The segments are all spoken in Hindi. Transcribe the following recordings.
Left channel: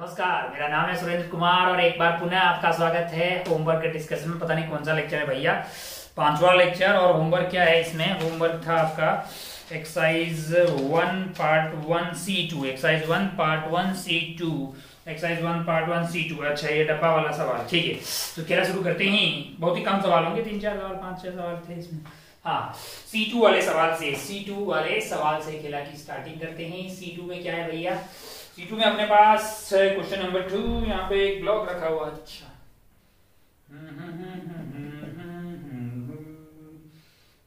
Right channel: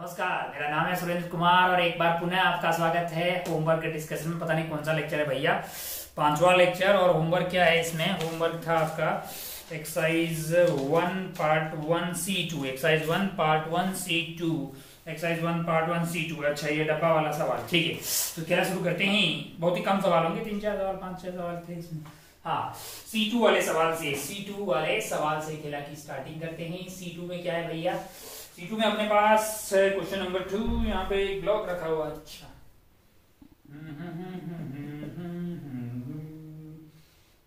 नमस्कार, मेरा नाम है सुरेंद्र कुमार और एक बार पुनः आपका स्वागत है होमवर्क के डिस्कशन में। पता नहीं कौन सा लेक्चर है भैया, 5वां लेक्चर। और होमवर्क क्या है इसमें? होमवर्क था आपका exercise 1 part 1 C2, exercise 1 part 1 C2, exercise 1 part 1 C2। अच्छा, ये डब्बा वाला सवाल, ठीक है। तो खेला शुरू करते हैं। बहुत ही कम सवाल होंगे, 3-4 सवाल, 5-6 सवाल थे इसमें। हाँ, C2 वाले सवाल से खेला की स्टार्टिंग करते हैं। C2 में क्या है भैया? C2 में अपने पास क्वेश्चन नंबर 2, यहाँ पे एक ब्लॉक रखा हुआ। अच्छा,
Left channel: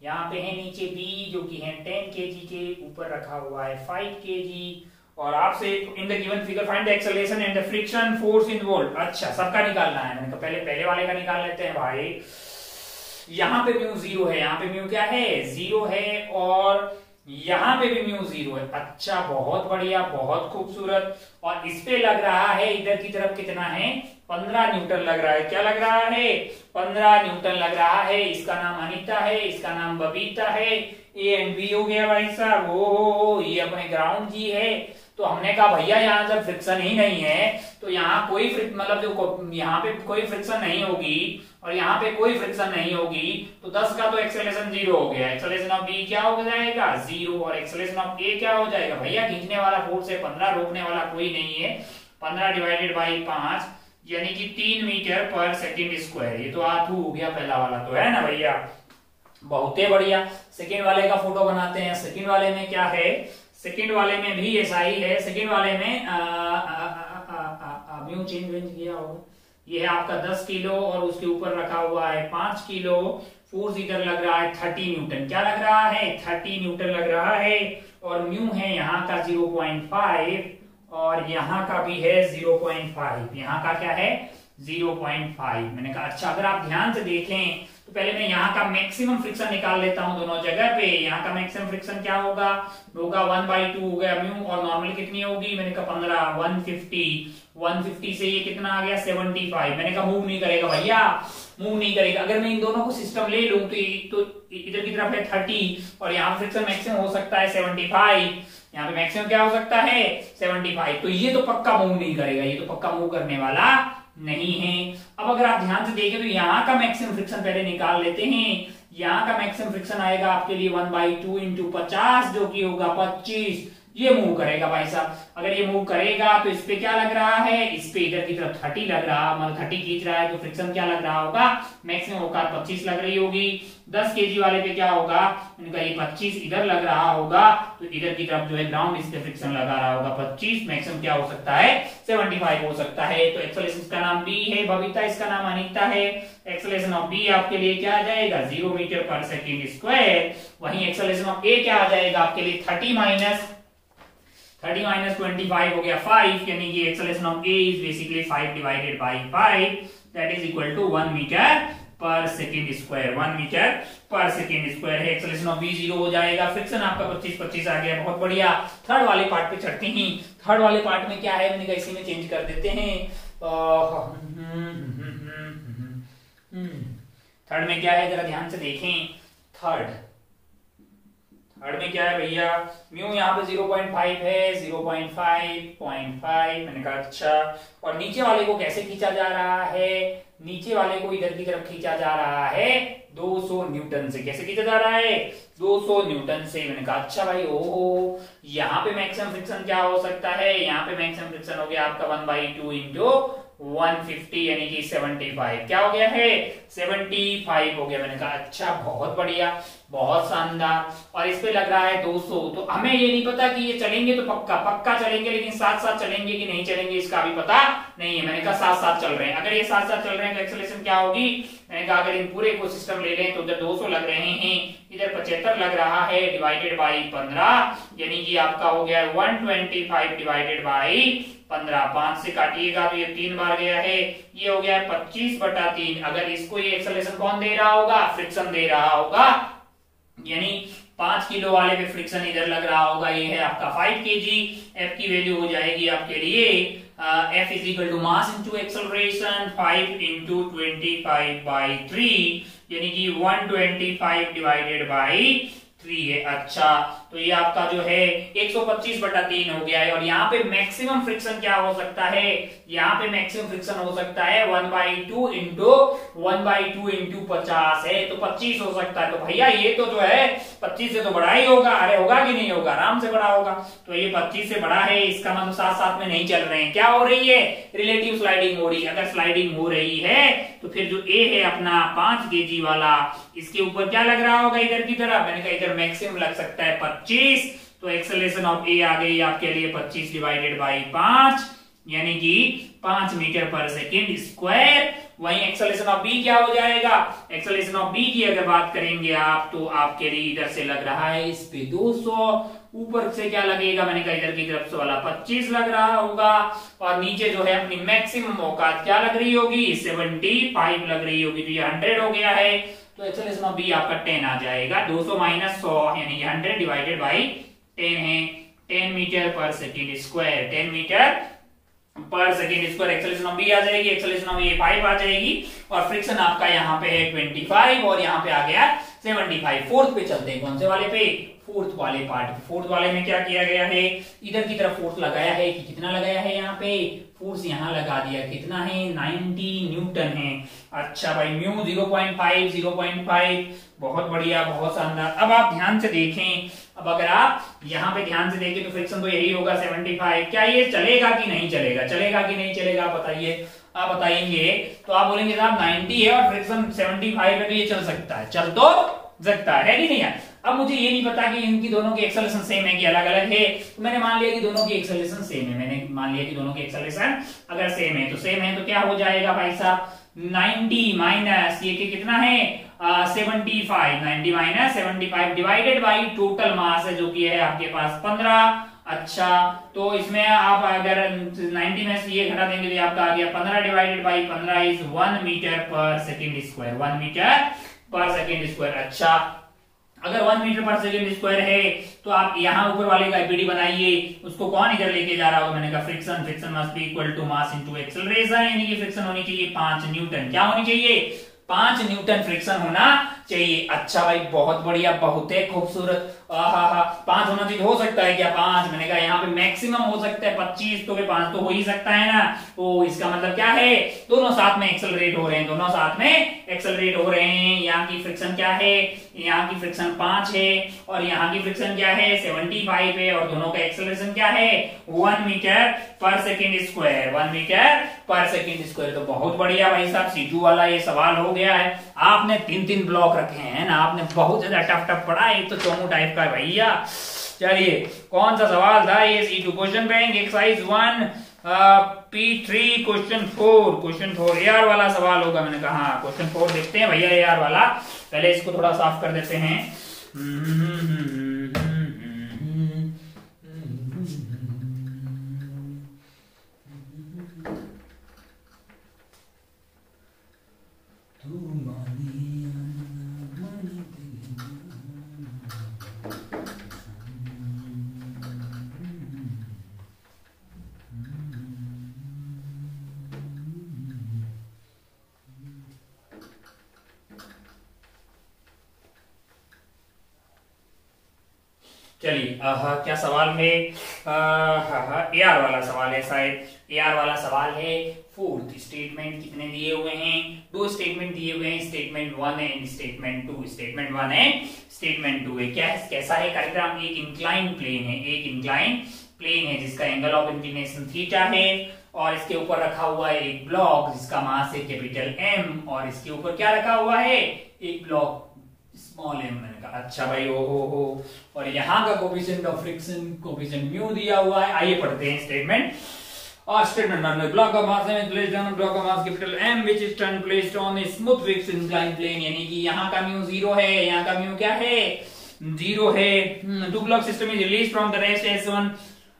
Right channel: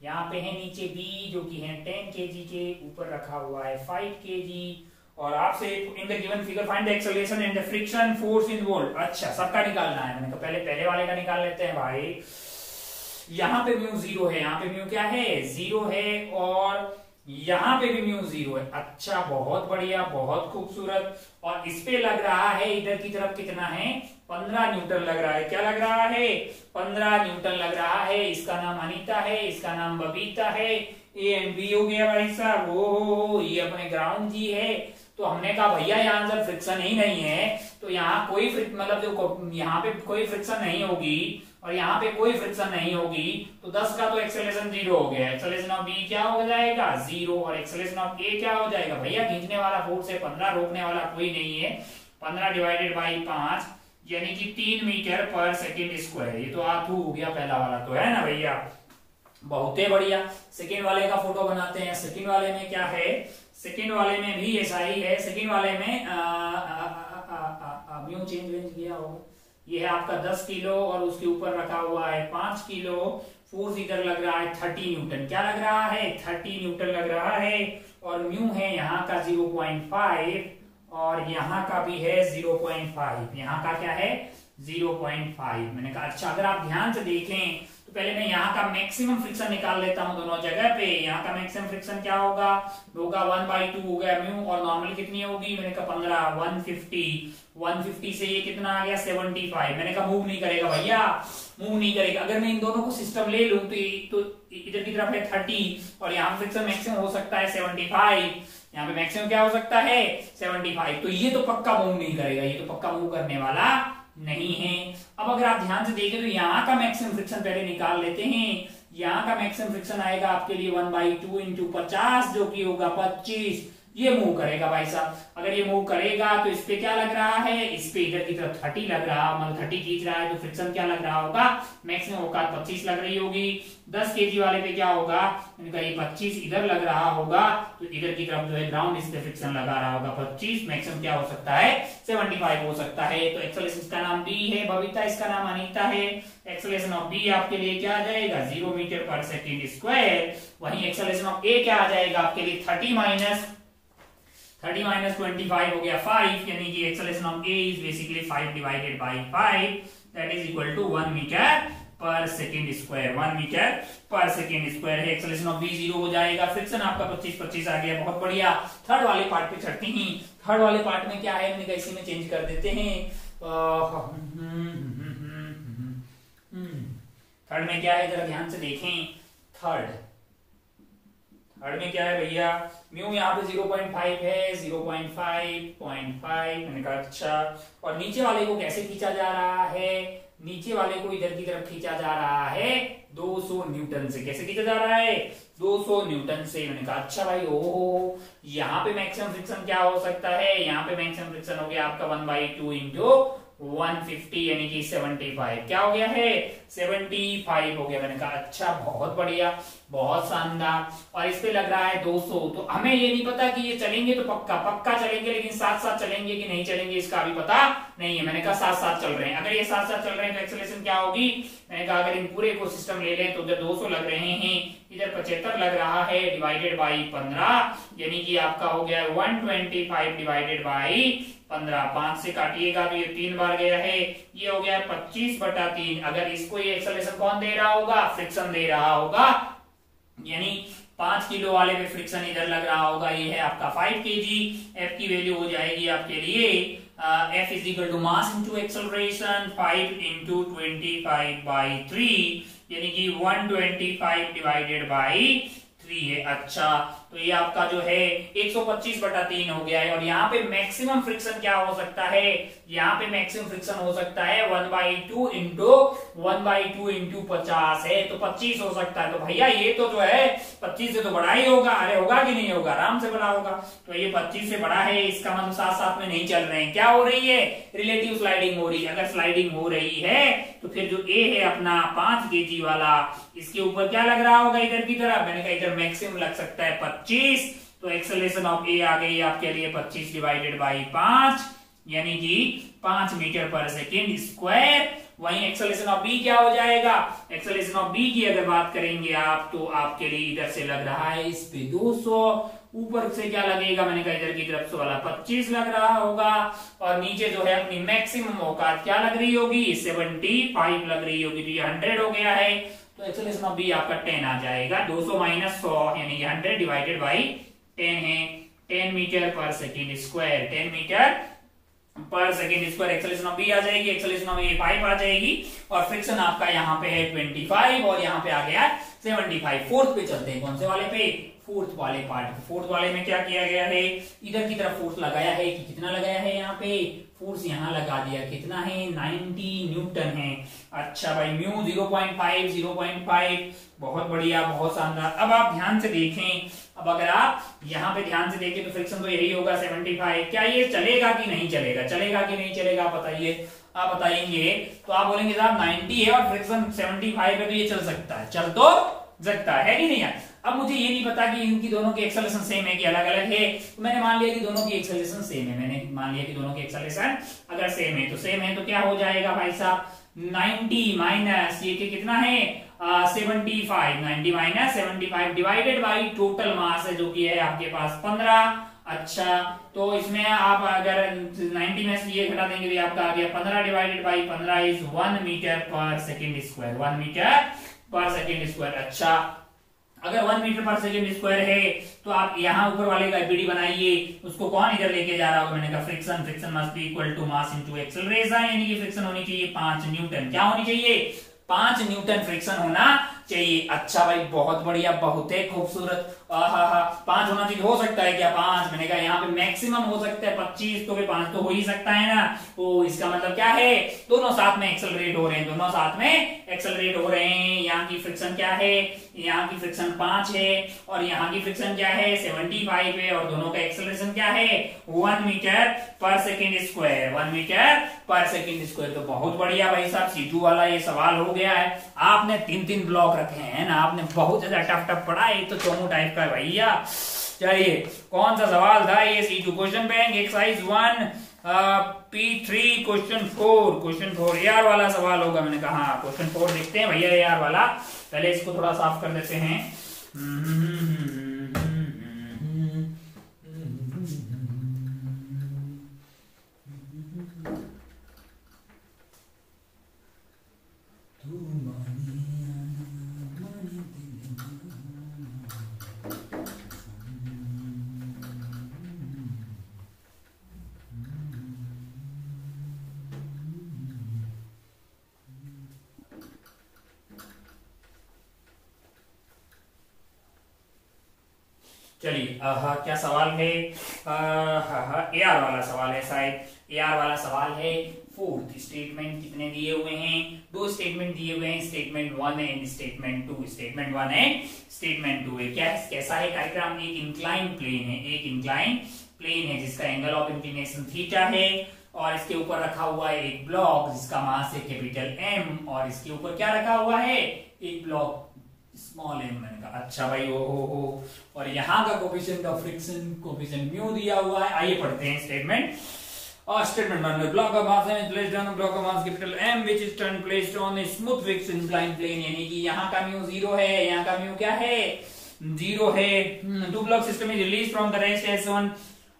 यहाँ पे है नीचे B जो कि है 10 kg के ऊपर रखा हुआ है 5 kg। और आपसे in the given figure find the acceleration and the friction force involved. अच्छा, सबका निकालना है। मैंने कहा पहले वाले का निकाल लेते हैं भाई। यहाँ पे म्यू 0 है, यहाँ पे म्यू क्या है? 0 है, और यहाँ पे भी म्यू 0 है। अच्छा, बहुत बढ़िया, बहुत खूबसूरत। और इस पे लग रहा है इधर की तरफ कितना है? 15 न्यूटन लग रहा है। क्या लग रहा है? 15 न्यूटन लग रहा है। इसका नाम अनीता है, इसका नाम बबीता है। ए एंड बी हो गया भाई साहब। ओ ये अपने ग्राउंड जी है। तो हमने कहा भैया यहाँ जब फ्रिक्शन ही नहीं है तो यहाँ कोई मतलब जो यहाँ पे कोई फ्रिक्शन नहीं होगी और यहाँ पे कोई फ्रिक्शन नहीं होगी, तो 10 का तो एक्सेलरेशन 0 हो गया। एक्सेलरेशन ऑफ बी क्या हो जाएगा? 0। और एक्सेलरेशन ऑफ ए क्या हो जाएगा भैया? खींचने वाला फोर्स है 15, रोकने वाला कोई नहीं है। 15 डिवाइडेड बाई 5 यानी कि 3 मीटर पर सेकेंड स्क्वायर। ये तो आथू हो गया पहला वाला, तो है ना भैया? बहुत ही बढ़िया। सेकेंड वाले का फोटो बनाते हैं। सेकेंड वाले में क्या है? सेकेंड वाले में भी ऐसा ही है। सेकेंड वाले में म्यू चेंज किया होगा। ये है आपका 10 किलो और उसके ऊपर रखा हुआ है 5 किलो। फोर्स इधर लग रहा है 30 न्यूटन। क्या लग रहा है? 30 न्यूटन लग रहा है। और म्यू है यहाँ का 0.5 और यहाँ का भी है 0.5। यहाँ का क्या है? 0.5। मैंने कहा अच्छा, अगर आप ध्यान से देखें तो पहले मैं यहाँ का मैक्सिमम फ्रिक्शन निकाल लेता हूँ दोनों जगह पे। यहाँ का मैक्सिमम फ्रिक्शन क्या होगा? 1/2 हो गया म्यू, और नॉर्मल कितनी होगी? मैंने कहा 15, 150 से ये कितना आ गया? 75। मैंने कहा मूव नहीं करेगा भैया, मूव नहीं करेगा। अगर मैं इन दोनों को सिस्टम ले लूं तो इधर की तरफ है 30 और यहाँ फ्रिक्शन मैक्सिमम हो सकता है 75। यहाँ पे मैक्सिमम क्या हो सकता है? 75। तो ये तो पक्का मूव नहीं करेगा, ये तो पक्का मूव करने वाला नहीं है। अब अगर आप ध्यान से देखें तो यहाँ का मैक्सिमम फ्रिक्शन पहले निकाल लेते हैं। यहाँ का मैक्सिमम फ्रिक्शन आएगा आपके लिए 1/2 इंटू 50 जो कि होगा 25। ये मूव करेगा भाई साहब। अगर ये मूव करेगा तो इस पे क्या लग रहा है? इस पे इधर की तरफ 30 लग रहा, मतलब 30 खींच रहा है, तो फ्रिक्शन क्या लग रहा होगा? मैक्सिमम औकात 25 लग रही होगी। 10 kg वाले पे क्या होगा? इनका ये 25 इधर लग रहा होगा, तो इधर की तरफ जो है ग्राउंड इस पे फ्रिक्शन लगा रहा होगा 25। मैक्सिमम क्या हो सकता है? 75 हो सकता है। तो एक्सेलरेशन का नाम बी है, बबीता इसका नाम अनीता है। एक्सेलरेशन ऑफ बी आपके लिए क्या आ जाएगा? 0 मीटर पर सेकेंड स्क्वायर। वहीं एक्सेलरेशन ऑफ ए क्या आ जाएगा आपके लिए? 30 माइनस 25 हो गया 5, यानी कि acceleration of A is basically 5 divided by 5, that is equal to 1 metre per second square. 1 metre per second square है। एक्सेलरेशन ऑफ बी 0 हो जाएगा। फ्रिक्शन आपका 25 आ गया, बहुत बढ़िया। थर्ड वाले पार्ट पे चढ़ते हैं। थर्ड वाले पार्ट में क्या है? मैंने कहा इसी में चेंज कर देते हैं। थर्ड में क्या है जरा ध्यान से देखें। थर्ड में क्या है भैया? म्यू यहाँ पे 0.5 है, 0.5 मैंने कहा अच्छा। और नीचे वाले को कैसे खींचा जा रहा है? नीचे वाले को इधर की तरफ खींचा जा रहा है 200 न्यूटन से। कैसे खींचा जा रहा है? 200 न्यूटन से। मैंने कहा अच्छा भाई, ओहो, यहाँ पे मैक्सिमम फ्रिक्शन क्या हो सकता है? यहाँ पे मैक्सिमम फ्रिक्शन हो गया आपका 1/2 इंटू 150 यानी कि 75। क्या हो गया है? 75 हो गया। मैंने कहा अच्छा, बहुत बढ़िया, बहुत शानदार। और इस पे लग रहा है 200। तो हमें ये नहीं पता कि ये चलेंगे तो पक्का चलेंगे, लेकिन साथ साथ चलेंगे कि नहीं चलेंगे इसका भी पता नहीं है। मैंने कहा साथ साथ चल रहे हैं। अगर ये साथ साथ चल रहे हैं तो एक्सेलरेशन क्या होगी? मैंने कहा अगर इन पूरे को सिस्टम ले लें तो उधर 200 लग रहे हैं, इधर 75 लग रहा है, डिवाइडेड बाई 15 यानी कि आपका हो गया 125 डिवाइडेड बाई 15। 5 से काटिएगा तो ये 3 बार गया है, ये हो गया 25/3। अगर इसको ये एक्सेलरेशन कौन दे रहा होगा? फ्रिक्शन दे रहा होगा, यानी 5 किलो वाले पे फ्रिक्शन इधर लग रहा होगा। ये है आपका 5 kg। एफ की वैल्यू हो जाएगी आपके लिए F is equal to mass into acceleration 5 into 25/3 यानी कि 125 डिवाइडेड बाई 3 है। अच्छा, तो ये आपका जो है 125/3 हो गया है। और यहाँ पे मैक्सिमम फ्रिक्शन क्या हो सकता है, यहाँ पे मैक्सिमम फ्रिक्शन हो सकता है 1/2 इंटू 50 है, तो 25 हो सकता है। तो भैया ये तो जो है 25 से तो बड़ा ही होगा, अरे होगा कि नहीं होगा, आराम से बड़ा होगा। तो ये 25 से बड़ा है, इसका मतलब साथ साथ में नहीं चल रहे हैं, क्या हो रही है, रिलेटिव स्लाइडिंग हो रही है। अगर स्लाइडिंग हो रही है तो फिर जो ए है अपना 5 kg वाला, इसके ऊपर क्या लग रहा होगा, इधर की तरफ, मैंने कहा इधर मैक्सिमम लग सकता है 25। तो एक्सेलरेशन ऑफ ए आ गई आपके लिए 25 डिवाइडेड बाई 5, यानी कि 5 मीटर पर सेकेंड स्क्वायर। वहीं एक्सेलरेशन ऑफ बी क्या हो जाएगा, एक्सेलरेशन ऑफ बी की अगर बात करेंगे आप, तो आपके लिए इधर से लग रहा है इस पे 200, ऊपर से क्या लगेगा, मैंने कहा इधर की तरफ से वाला 25 लग रहा होगा, और नीचे जो है अपनी मैक्सिमम औकात क्या लग रही होगी, 75 लग रही होगी। तो ये 100 हो गया है, तो एक्सेलरेशन ऑफ बी आपका 10 आ जाएगा। 200 माइनस 100 यानी 100 डिवाइडेड बाई 10 है, 10 metre per second square, 10 metre per second square. Acceleration of B आ जाएगी, एक्सेलरेशन ऑफ ए 5 आ जाएगी, और फ्रिक्शन आपका यहाँ पे है 25 और यहाँ पे आ गया 75। फोर्थ पे चलते हैं, कौन से वाले पे, फोर्थ वाले पार्ट। फोर्थ वाले में क्या किया गया है, इधर की तरफ फोर्स लगाया है कि कितना लगाया है, यहाँ पे फोर्स यहाँ लगा दिया, कितना है 90 न्यूटन है। अच्छा भाई, म्यू 0.5, बहुत बढ़िया, बहुत शानदार। अब आप ध्यान से देखें, अब अगर आप यहाँ पे ध्यान से देखें तो फ्रिक्शन तो यही होगा 75। क्या ये चलेगा कि नहीं चलेगा, चलेगा कि नहीं चलेगा, बताइए, आप बताएंगे। तो आप बोलेंगे साहब 90 है और फ्रिक्शन 75 है, तो ये चल सकता है, चल तो सकता है कि नहीं यार। अब मुझे ये नहीं पता कि इनकी दोनों की एक्सेलरेशन सेम है कि अलग अलग है, तो मैंने मान लिया कि दोनों की एक्सेलरेशन सेम है, मैंने मान लिया कि दोनों की एक्सेलरेशन अगर सेम है तो क्या हो जाएगा भाई साहब, 90 माइनस ये कितना है 75, 90 minus 75 divided by total mass है जो कि है आपके पास 15। अच्छा, तो इसमें आप अगर 90 में से ये घटा देंगे तो आपका आ गया 15 divided by 15 is 1 metre per second square, 1 metre per second square. अच्छा, अगर 1 मीटर पर सेकेंड स्क्वायर है तो आप यहाँ ऊपर वाले का एपीडी बनाइए, उसको कौन इधर लेके जा रहा होगा, मैंने कहा friction, friction must be equal to mass into acceleration, यानी कि फ्रिक्शन होनी चाहिए 5 न्यूटन। क्या होनी चाहिए, 5 न्यूटन फ्रिक्शन होना चाहिए। अच्छा भाई, बहुत बढ़िया, बहुत ही खूबसूरत। 5 होना चाहिए, हो सकता है क्या 5, मैंने कहा यहाँ पे मैक्सिमम हो सकता है 25, तो 5 तो हो ही सकता है ना। तो इसका मतलब क्या है, दोनों साथ में एक्सेलरेट हो रहे हैं, दोनों साथ में एक्सेलरेट हो रहे हैं। यहाँ की फ्रिक्शन क्या है, यहाँ की फ्रिक्शन 5 है और यहाँ की फ्रिक्शन क्या है 75 है, और दोनों का एक्सेलरेशन क्या है 1 metre per second square, 1 metre per second square. तो बहुत बढ़िया भाई साहब, C2 वाला ये सवाल हो गया है। आपने 3 ब्लॉक रखे हैं ना, आपने बहुत ज्यादा टफ पढ़ा है, तो चोमू टाइप का है भैया। चलिए, कौन सा सवाल था ये, C2 question bank exercise 1 P3 question 4 AR वाला सवाल होगा। मैंने कहा हाँ, क्वेश्चन 4 देखते हैं भैया AR वाला। पहले इसको थोड़ा साफ कर देते हैं। चलिए, क्या सवाल है, AR वाला सवाल है शायद, AR वाला सवाल है। फोर्थ स्टेटमेंट कितने दिए हुए हैं, 2 स्टेटमेंट दिए हुए हैं, statement 1 and statement 2, statement 1 and statement 2 है। क्या है, कैसा है कार्यक्रम, एक इंक्लाइन प्लेन है, एक इंक्लाइन प्लेन है जिसका एंगल ऑफ इंक्लिनेशन थीटा है, और इसके ऊपर रखा हुआ है एक ब्लॉक जिसका मास है कैपिटल M, और इसके ऊपर क्या रखा हुआ है, एक ब्लॉक स्मॉल m। मैंने कहा अच्छा भाई, ओ हो, और यहाँ का coefficient of friction coefficient mu दिया हुआ है। आइए पढ़ते हैं statement. Statement 1, block of mass is placed on a block of mass capital M which is turn placed on a smooth fixed inclined plane, यानी कि यहाँ का म्यू 0 है, यहाँ का म्यू क्या है 0 है। 2 block system is released from the rest S1,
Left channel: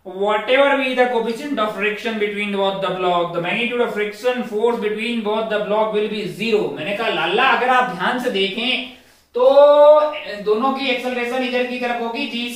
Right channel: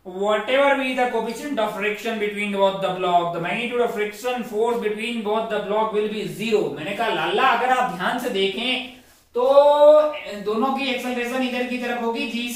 whatever be the coefficient of friction between both the block, the magnitude of friction force between both the block will be 0। मैंने कहा लाला, अगर आप ध्यान से देखें तो दोनों की एक्सेलरेशन इधर की तरफ होगी जी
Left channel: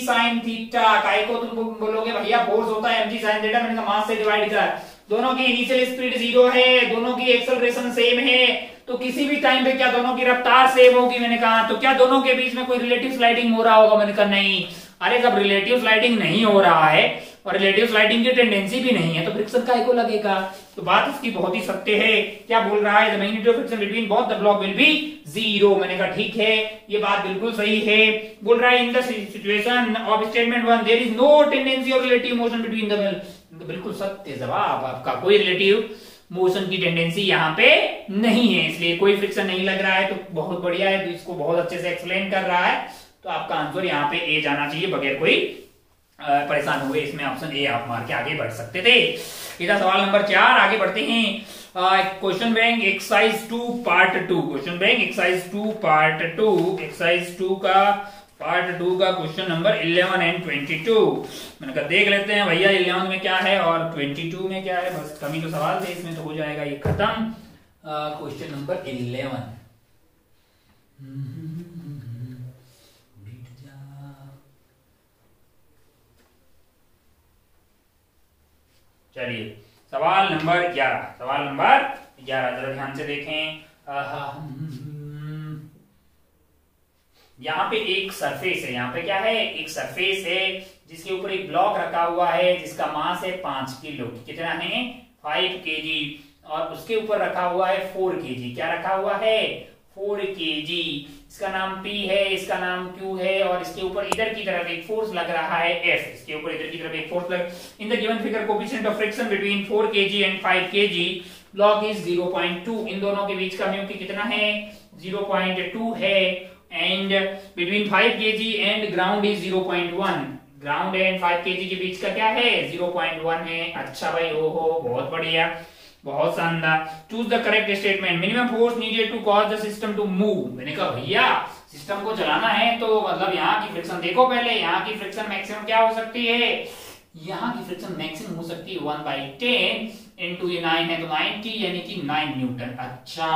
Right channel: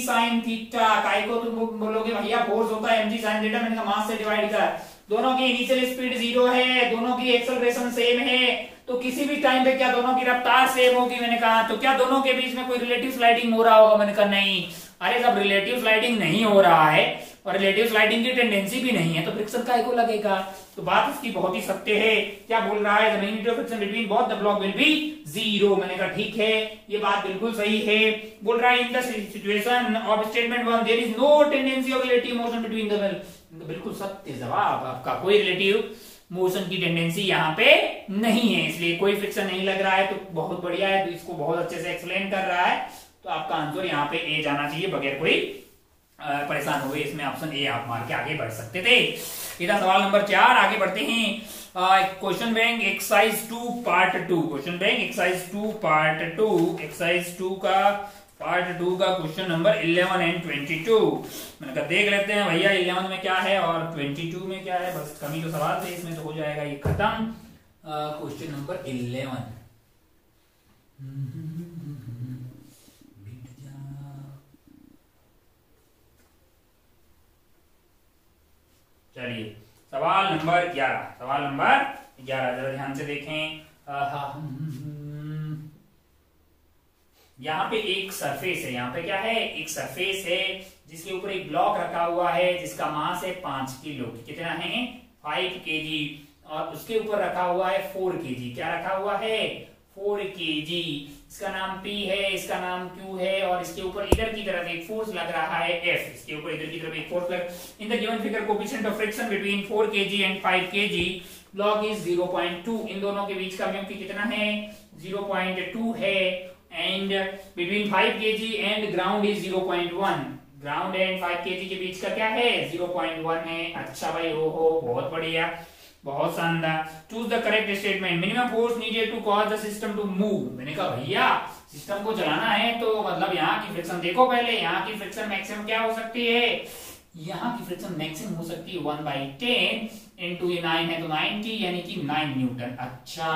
साइन थीटा। काय को तुम बोलोगे भैया फोर्स होता है mg साइन थीटा, मैंने कहा मास से डिवाइड कर, दोनों की इनिशियल स्पीड 0 है, दोनों की एक्सेलरेशन सेम है, तो किसी भी टाइम पे क्या दोनों की रफ्तार सेम होगी? मैंने कहा तो क्या दोनों के बीच में कोई रिलेटिव स्लाइडिंग हो रहा होगा? मैंने कहा नहीं। अरे जब रिलेटिव स्लाइडिंग नहीं हो रहा है और रिलेटिव स्लाइडिंग की टेंडेंसी भी नहीं है तो फ्रिक्शन काहे को लगेगा? तो बात इसकी बहुत ही सत्य है। क्या बोल रहा है? The magnitude of friction between both the block will be 0। मैंने कहा ठीक है, ये बात बिल्कुल सही है। बोल रहा है in the situation of statement 1 there is no tendency of relative motion between the wheel. बिल्कुल सत्य जवाब आपका, कोई रिलेटिव मोशन की टेंडेंसी यहाँ पे नहीं है, इसलिए कोई फ्रिक्शन नहीं लग रहा है। तो बहुत बढ़िया है, तो इसको बहुत अच्छे से एक्सप्लेन कर रहा है। तो आपका आंसर यहाँ पे ए जाना चाहिए बगैर कोई परेशान हुए। इसमें ऑप्शन ए आप मार के आगे बढ़ सकते थे। इधर सवाल नंबर 4 आगे बढ़ते हैं। Question bank exercise 2 part 2। Question bank exercise 2 part 2, exercise 2 का पार्ट 2 का क्वेश्चन नंबर 11 एंड 22। मैंने कहा देख लेते हैं भैया 11 में क्या है और 22 में क्या है। बस कमी तो सवाल थे, इसमें तो हो जाएगा ये खत्म। Question number 11। चलिए सवाल नंबर 11। सवाल नंबर 11 जरा ध्यान से देखें। यहाँ पे एक सरफेस है, यहाँ पे क्या है? एक सरफेस है जिसके ऊपर एक ब्लॉक रखा हुआ है जिसका मास है 5 किलो। कितना है? 5 केजी। और उसके ऊपर रखा हुआ है 4 केजी। क्या रखा हुआ है? 4 केजी। इसका नाम P है, इसका नाम Q है, और इसके ऊपर इधर की तरफ एक फोर्स लग रहा है F। इसके ऊपर इधर की तरफ एक फोर्स लग। In the given figure coefficient of friction between 4 KG and 5 KG block is 0.2। इन दोनों के बीच का म्यू कितना है? 0.2 है। And between 5 KG and ground is 0.1। Ground and 5 KG के बीच का क्या है? 0.1 है। अच्छा भाई, हो बहुत बढ़िया, बहुत शानदार। Choose the correct statement. Minimum force needed to cause the system to move. मैंने कहा भैया सिस्टम को चलाना है तो मतलब यहाँ की फ्रिक्शन देखो पहले। यहाँ की फ्रिक्शन मैक्सिमम क्या हो सकती है? यहाँ की फ्रिक्शन मैक्सिमम हो सकती है 1/10 इंटू ये 9 है तो 90 यानी कि 9 न्यूटन। अच्छा,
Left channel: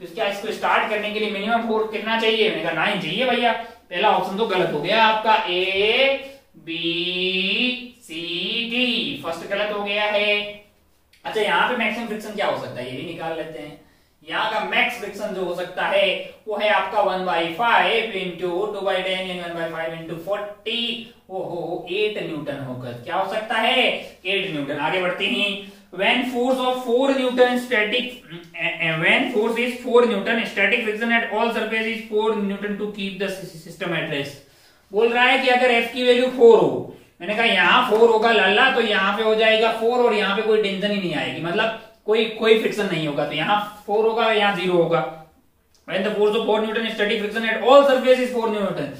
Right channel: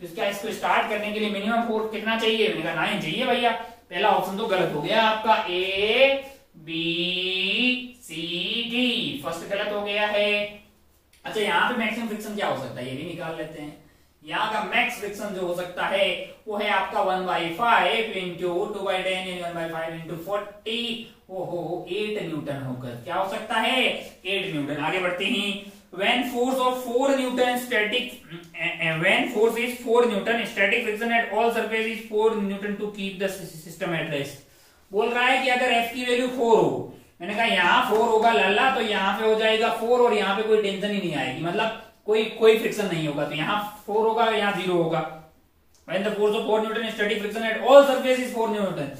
तो क्या इसको स्टार्ट करने के लिए मिनिमम फोर्स कितना चाहिए? मैंने कहा 9 चाहिए भैया। पहला ऑप्शन तो गलत हो गया आपका, A B C D first गलत हो गया है। अच्छा, यहाँ पे मैक्सिमम फ्रिक्शन क्या हो सकता है ये भी निकाल लेते हैं। यहाँ का मैक्स फ्रिक्शन जो हो सकता है वो है आपका 1/5 इंटू 2/10 यानी 1/5 इंटू 40। ओहो 8 न्यूटन होकर क्या हो सकता है? 8 न्यूटन। आगे बढ़ते हैं। when force of 4 Newton static when force is 4 Newton static friction at all surface is 4 Newton to keep the system at rest। बोल रहा है कि अगर F की वैल्यू 4 हो, मैंने कहा यहाँ 4 होगा लल्ला, तो यहाँ पे हो जाएगा 4 और यहाँ पे कोई टेंशन ही नहीं आएगी, मतलब कोई फ्रिक्शन नहीं होगा। तो यहाँ 4 होगा, यहाँ 0 होगा। when the force of 4 Newton static friction at all surface is 4 Newton।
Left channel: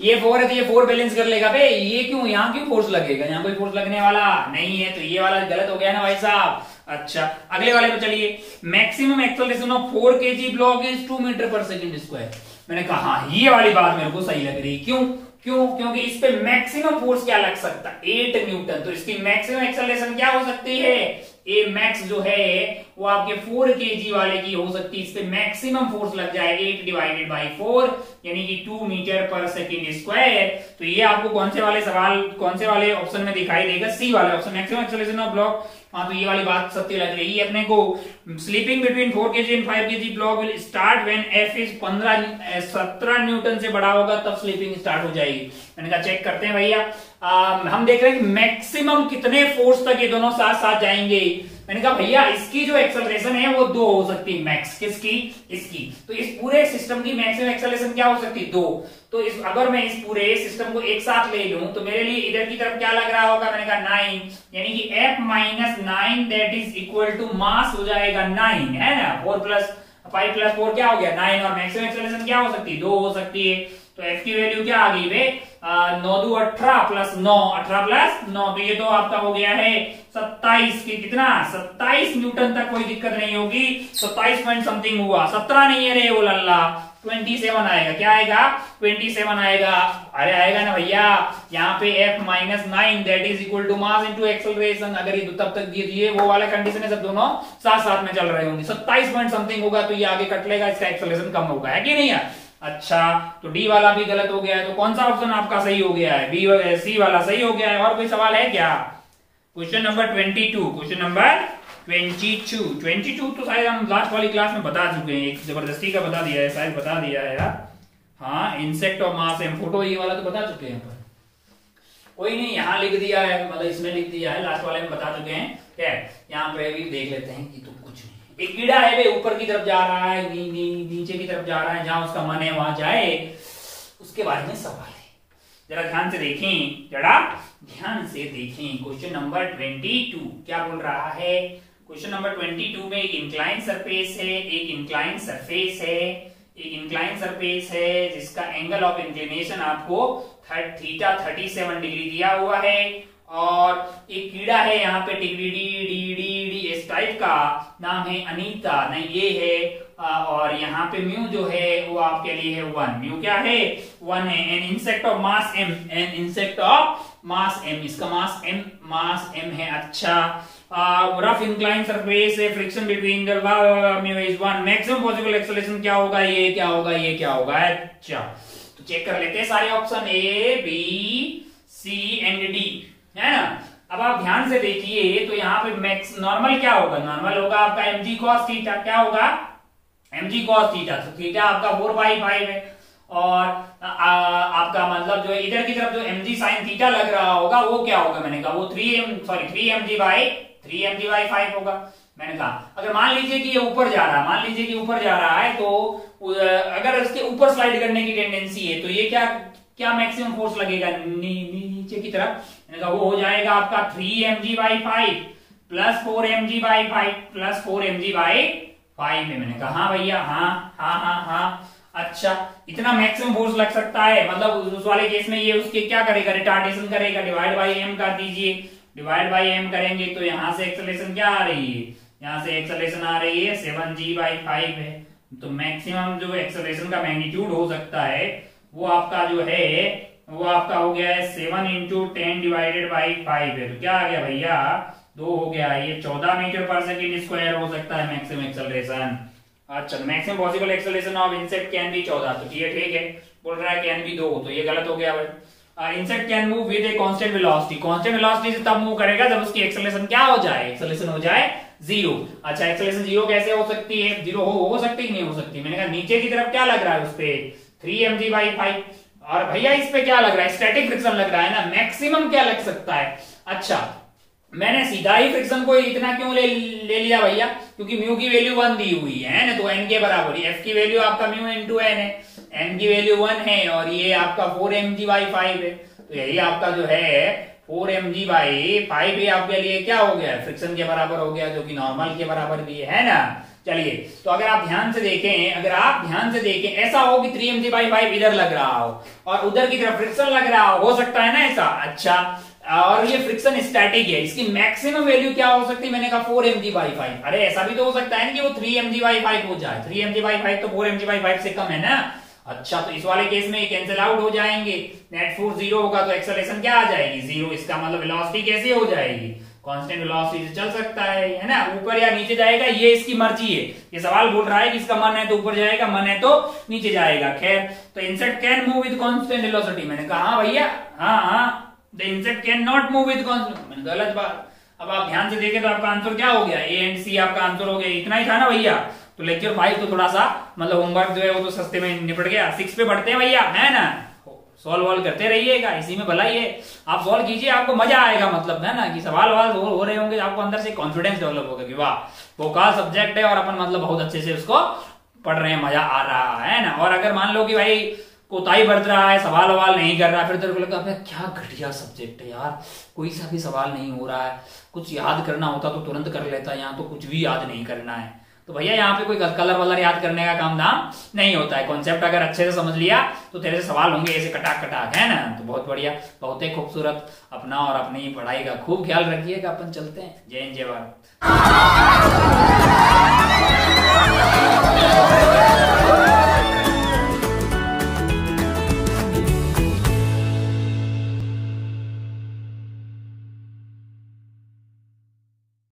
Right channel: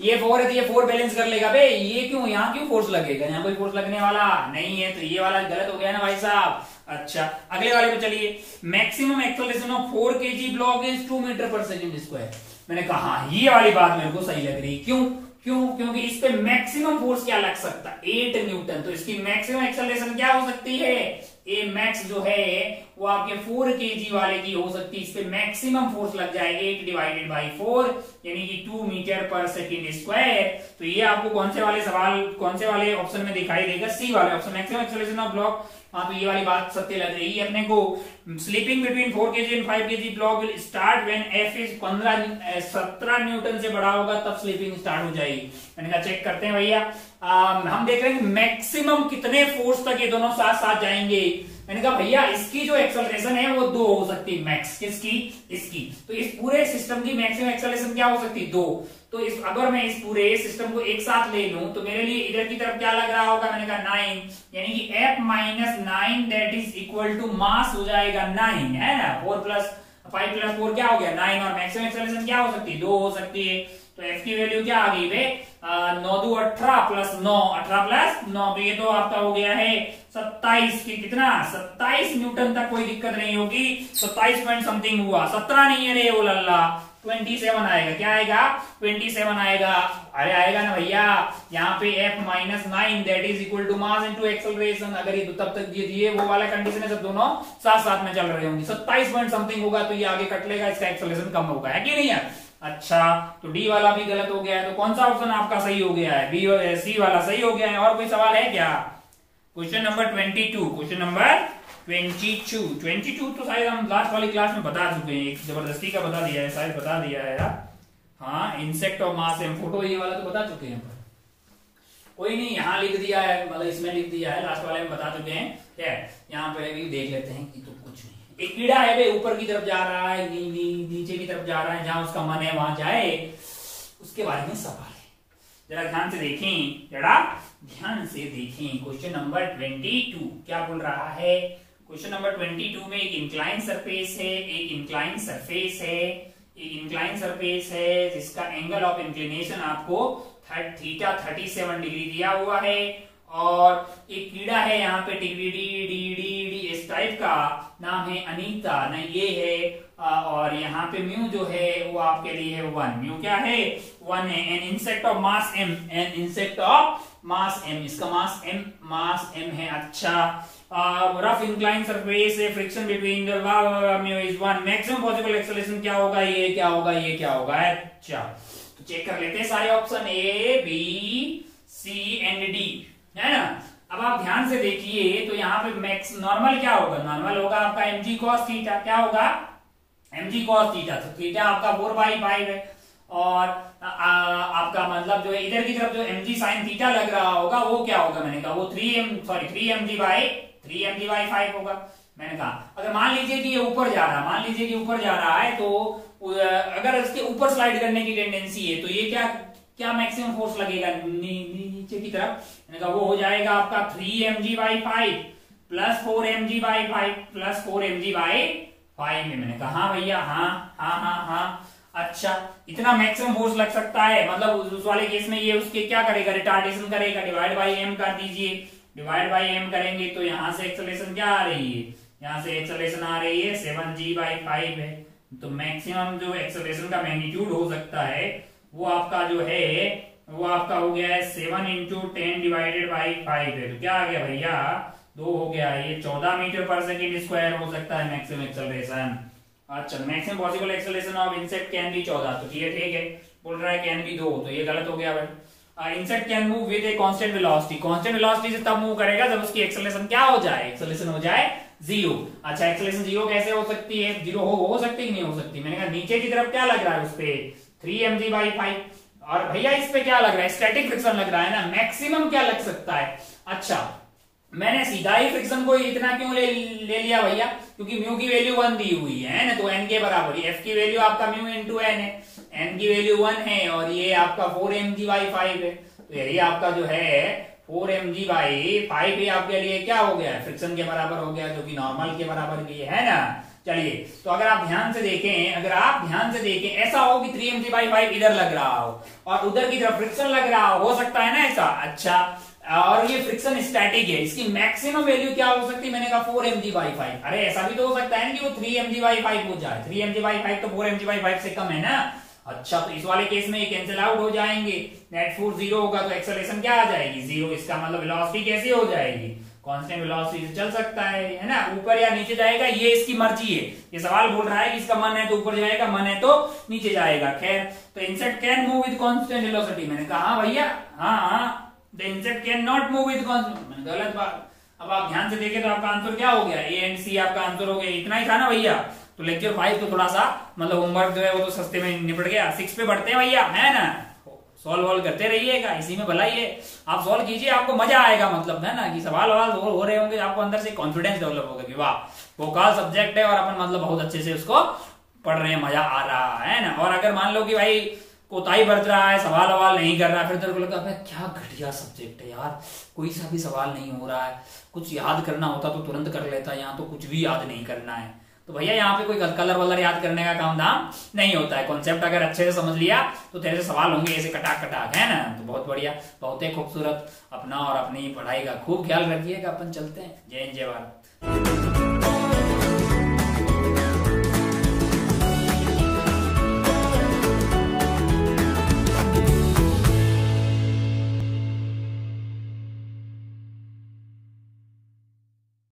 ये 4 है तो ये 4 बैलेंस कर लेगा बे। ये क्यों? यहाँ क्यों फोर्स लगेगा? यहाँ कोई फोर्स लगने वाला नहीं है, तो ये वाला गलत हो गया ना भाई साहब। अच्छा, अगले वाले पे चलिए। Maximum acceleration of 4 KG block is 2 metre per second square. मैंने कहा हाँ, ये वाली बात मेरे को सही लग रही। क्यों? क्योंकि इस पे मैक्सिमम फोर्स क्या लग सकता है? 8 न्यूटन। तो इसकी मैक्सिमम एक्सेलरेशन क्या हो सकती है? ए मैक्स जो है वो आपके 4 केजी वाले की हो सकती है। इस पे मैक्सिमम फोर्स लग जाए 8 डिवाइडेड बाई 4 यानी कि 2 मीटर पर सेकेंड स्क्वायर। तो ये आपको कौन से वाले ऑप्शन में दिखाई देगा? सी वाले option, maximum acceleration of block. हाँ, तो ये वाली बात सत्य लग रही है अपने को। Sleeping between 4 KG and 5 KG block will start when F is 17 Newton से बड़ा होगा, तब स्लीपिंग स्टार्ट हो जाएगी। मैंने कहा चेक करते हैं भैया। हम देख रहे हैं कि मैक्सिमम कितने फोर्स तक ये दोनों साथ साथ जाएंगे। मैंने कहा भैया इसकी जो एक्सेलरेशन है वो 2 हो सकती है मैक्स। किसकी? इसकी। तो इस पूरे सिस्टम की मैक्सिमम एक्सेलरेशन क्या हो सकती है? 2। तो अगर मैं इस पूरे सिस्टम को एक साथ ले लूं तो मेरे लिए इधर की तरफ क्या लग रहा होगा? मैंने कहा 9 यानी कि F - 9 that is equal to mass हो जाएगा 9, है ना। 4 + 5 + 4 क्या हो गया? 9। और मैक्सिमम एक्सेलरेशन क्या हो सकती है? 2 हो सकती है। तो F की वैल्यू क्या आ गई वे? 9 × 2 = 18 + 9, 18 + 9, तो ये तो आपका हो गया है 27 की कितना? 27 न्यूटन तक कोई दिक्कत नहीं होगी। 27 पॉइंट समथिंग हुआ, 17 नहीं है रे वो लल्ला, 27 आएगा। क्या आएगा? 27 आएगा। अरे आएगा ना भैया। यहाँ पे F - 9 that is equal to mass into acceleration. अगर ये तब तक दिए वो वाला कंडीशन है, सब दोनों साथ साथ में चल रहे होंगे। 27 पॉइंट समथिंग होगा तो ये आगे कट लेगा, इसका एक्सेलरेशन कम होगा, है कि नहीं है? अच्छा, तो डी वाला भी गलत हो गया है। तो कौन सा ऑप्शन आपका सही हो गया है? बी सी वाला सही हो गया है। और कोई सवाल है क्या? क्वेश्चन नंबर 22, क्वेश्चन नंबर 22 तो शायद हम लास्ट वाली क्लास में बता चुके हैं, एक जबरदस्ती का बता दिया है, शायद बता दिया है यार। हाँ, इंसेक्ट और मास एम फोटो ये वाला तो बता चुके हैं, पर कोई नहीं, यहाँ लिख दिया है, मतलब इसमें लिख दिया है, लास्ट वाले में बता चुके हैं। खैर यहाँ पे भी देख लेते हैं कि तो कुछ नहीं, एक कीड़ा है वे ऊपर की तरफ जा रहा है, नीचे की तरफ जा रहा है, जहां उसका मन है वहां जाए, उसके बारे में सवाल है। जरा ध्यान से देखें, जरा ध्यान से देखें। क्वेश्चन नंबर 22 क्या बोल रहा है? क्वेश्चन नंबर 22 में एक इंक्लाइन सरफेस है, एक इंक्लाइन सरफेस है, एक इंक्लाइन सरफेस है जिसका एंगल ऑफ इंक्लिनेशन आपको थीटा 37 डिग्री दिया हुआ है, और एक कीड़ा है यहाँ पे डी डी डी डी इस टाइप का, नाम है अनीता, नहीं ये है, और यहाँ पे म्यू जो है वो आपके लिए है 1, म्यू क्या है 1 है। An insect of mass M, an insect of mass M, इसका मास एम है। अच्छा, रफ इंक्लाइन सरफेस है, friction between the mu is 1, maximum possible acceleration क्या होगा, ये क्या होगा, ये क्या होगा। अच्छा तो चेक कर लेते हैं सारे option A B C and D, है ना। अब आप ध्यान से देखिए तो यहाँ पे मैक्स नॉर्मल क्या होगा, नॉर्मल होगा आपका mg cos थीटा, क्या होगा mg cos थीटा, तो थीटा आपका 4/5 है, और आपका मतलब जो है इधर की तरफ जो mg sin थीटा लग रहा होगा वो क्या होगा, मैंने कहा वो 3mg/5 होगा। मैंने कहा अगर मान लीजिए कि ये ऊपर जा रहा है, मान लीजिए कि ऊपर जा रहा है, तो अगर इसके ऊपर स्लाइड करने की टेंडेंसी है तो ये क्या मैक्सिमम फोर्स लगेगा, नीचे की तरफ। मैंने कहा वो हो जाएगा आपका 3mg/5 plus 4mg/5 plus 4mg/5 में। मैंने कहा हाँ भैया, हाँ। अच्छा, इतना मैक्सिमम फोर्स लग सकता है, मतलब उस वाले केस में ये उसके क्या करेगा, रिटार्डेशन करेगा, डिवाइड बाई एम कर दीजिए, डिवाइड बाई एम करेंगे तो यहां से एक्सेलरेशन क्या आ रही है, यहां से एक्सेलरेशन आ रही है 7g/5 है। तो मैक्सिमम जो एक्सेलरेशन का मैग्नीट्यूड हो सकता है वो आपका जो है वो आपका हो गया है 7 × 10 डिवाइडेड बाई 5 है। तो क्या आ गया भैया, 2 हो गया, ये 14 मीटर पर सेकेंड स्क्वायर हो सकता है मैक्सिमम एक्सेलरेशन। अच्छा, maximum possible acceleration of insect can be 14, तो ये ठीक है, बोल रहा है कैन बी 2, तो ये गलत हो गया भाई। Insect can move with a constant velocity, constant velocity से तब मूव करेगा जब उसकी एक्सेलरेशन क्या हो जाए, एक्सेलरेशन हो जाए 0। अच्छा, एक्सेलरेशन 0 कैसे हो सकती है, 0 हो सकती है, नहीं हो सकती। मैंने कहा नीचे की तरफ क्या लग रहा है उस पे 3mg/5, और भैया इस पे क्या लग रहा है, स्टैटिक फ्रिक्शन लग रहा है ना, मैक्सिमम क्या लग सकता है। अच्छा, मैंने सीधा ही फ्रिक्शन को इतना क्यों ले लिया भैया, क्योंकि म्यू की वैल्यू 1 दी हुई है ना, तो एन के बराबर ही, एफ की वैल्यू आपका म्यू × एन है, एन की वैल्यू 1 है, और ये आपका 4mg/5 है, तो यही आपका जो है 4mg/5 ही आपके लिए क्या हो गया, फ्रिक्शन के बराबर हो गया, जो कि नॉर्मल के बराबर भी है ना। चलिए, तो अगर आप ध्यान से देखें, ऐसा हो कि 3mg/5 इधर लग रहा हो और उधर की तरफ फ्रिक्शन लग रहा हो सकता है ना ऐसा। अच्छा, और ये फ्रिक्शन स्टैटिक है, इसकी मैक्सिमम वैल्यू क्या हो सकती है, मैंने कहा 4mg/5। अरे ऐसा भी तो हो सकता है ना कि वो 3mg/5 हो जाए, 3mg/5 तो 4mg/5 से कम है ना। अच्छा, तो इस वाले केस में ये कैंसिल आउट हो जाएंगे, नेट फोर्स 0 होगा, तो एक्सेलरेशन क्या आ जाएगी 0। इसका मतलब वेलोसिटी कैसे हो जाएगी, कांस्टेंट वेलोसिटी से चल सकता है ना, ऊपर या नीचे जाएगा, ये इसकी मर्जी है। ये सवाल बोल रहा है कि इसका मन है तो ऊपर जाएगा, मन है तो नीचे जाएगा। खैर, तो insect can move with constant velocity, मैंने कहा हाँ भैया, हाँ, the insect can not move with constant, मैंने गलत बात। अब आप ध्यान से देखें तो आपका आंसर क्या हो गया, ए एंड सी आपका आंसर हो गया। इतना ही था ना भैया, तो लेक्चर 5 तो थोड़ा सा मतलब होमवर्क जो है वो तो सस्ते में निपट गया। 6 पे बढ़ते हैं भैया, है ना, सॉल्व करते रहिएगा, इसी में भलाई है। आप सॉल्व कीजिए, आपको मजा आएगा, मतलब है ना कि सवाल हो रहे होंगे, आपको अंदर से कॉन्फिडेंस डेवलप होगा कि वाह वोकाल सब्जेक्ट है और अपन मतलब बहुत अच्छे से उसको पढ़ रहे हैं, मजा आ रहा है ना। और अगर मान लो कि भाई कोताही बरत रहा है, सवाल नहीं कर रहा है, फिर तेरे को लगता है क्या घटिया सब्जेक्ट है यार, कोई सा भी सवाल नहीं हो रहा है, कुछ याद करना होता तो तुरंत कर लेता, यहाँ तो कुछ भी याद नहीं करना है। तो भैया यहाँ पे कोई कलर वलर याद करने का काम धाम नहीं होता है। कॉन्सेप्ट अगर अच्छे से समझ लिया तो तेरे से सवाल होंगे ऐसे कटाक कटाक, है ना। तो बहुत बढ़िया, बहुत ही खूबसूरत। अपना और अपनी पढ़ाई का खूब ख्याल रखिएगा। अपन चलते हैं। जय हिंद, जय भारत।